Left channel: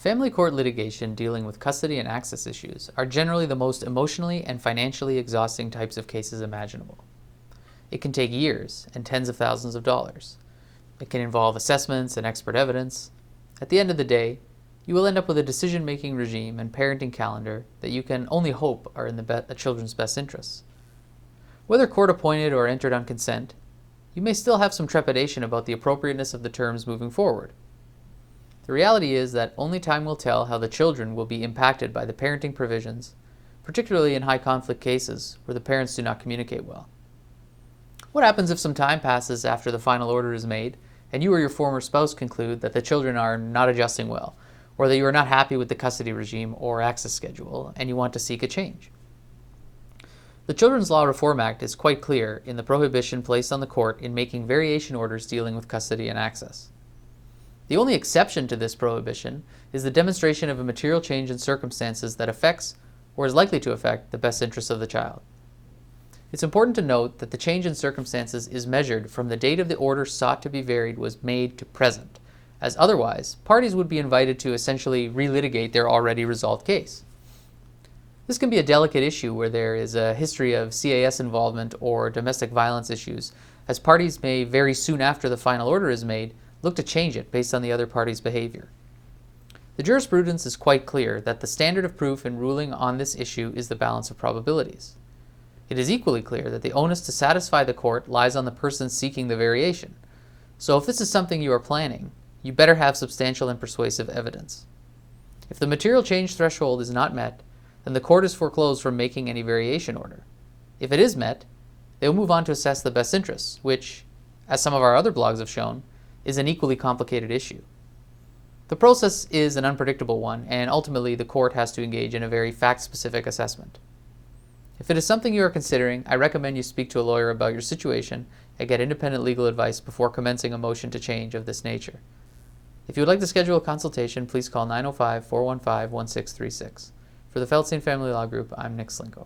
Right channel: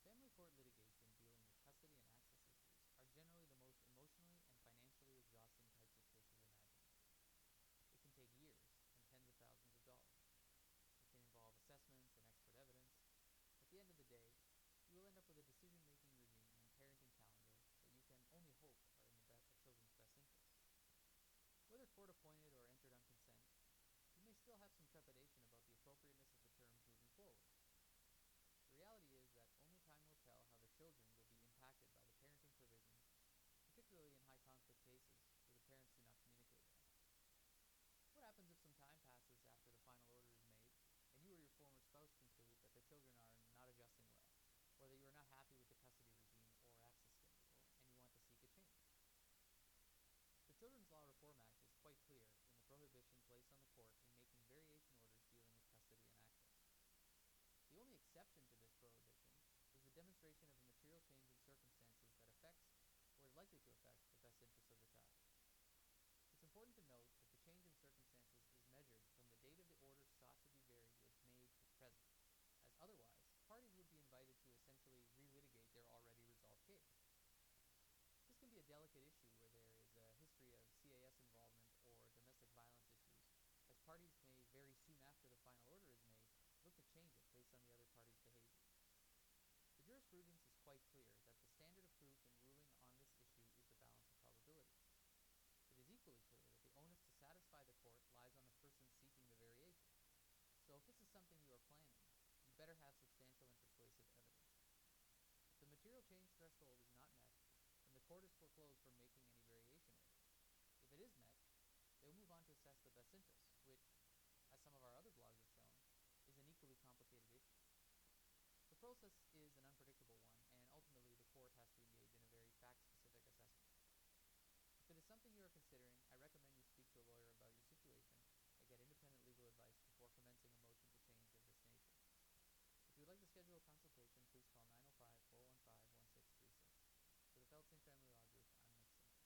Family court litigation dealing with custody and access issues are generally the most emotionally and financially exhausting types of cases imaginable. It can take years and tens of thousands of dollars. It can involve assessments and expert evidence. At the end of the day, you will end up with a decision-making regime and parenting calendar that you can only hope are in the children's best interests. Whether court-appointed or entered on consent, you may still have some trepidation about the appropriateness of the terms moving forward. The reality is that only time will tell how the children will be impacted by the parenting provisions, particularly in high conflict cases where the parents do not communicate well. What happens if some time passes after the final order is made and you or your former spouse conclude that the children are not adjusting well, or that you are not happy with the custody regime or access schedule and you want to seek a change? The Children's Law Reform Act is quite clear in the prohibition placed on the court in making variation orders dealing with custody and access. The only exception to this prohibition is the demonstration of a material change in circumstances that affects, or is likely to affect, the best interests of the child. It's important to note that the change in circumstances is measured from the date of the order sought to be varied was made to present, as otherwise, parties would be invited to essentially relitigate their already resolved case. This can be a delicate issue where there is a history of CAS involvement or domestic violence issues, as parties may very soon after the final order is made look to change it based on the other party's behavior. The jurisprudence is quite clear that the standard of proof in ruling on this issue is the balance of probabilities. It is equally clear that the onus to satisfy the court lies on the person seeking the variation. So if this is something you are planning, you better have substantial and persuasive evidence. If the material change threshold is not met, then the court is foreclosed from making any variation order. If it is met, they will move on to assess the best interests, which, as some of our other blogs have shown, is an equally complicated issue. The process is an unpredictable one, and ultimately the court has to engage in a very fact-specific assessment. If it is something you are considering, I recommend you speak to a lawyer about your situation and get independent legal advice before commencing a motion to change of this nature. If you would like to schedule a consultation, please call 905-415-1636. For the Feldstein Family Law Group, I'm Nick Slinko.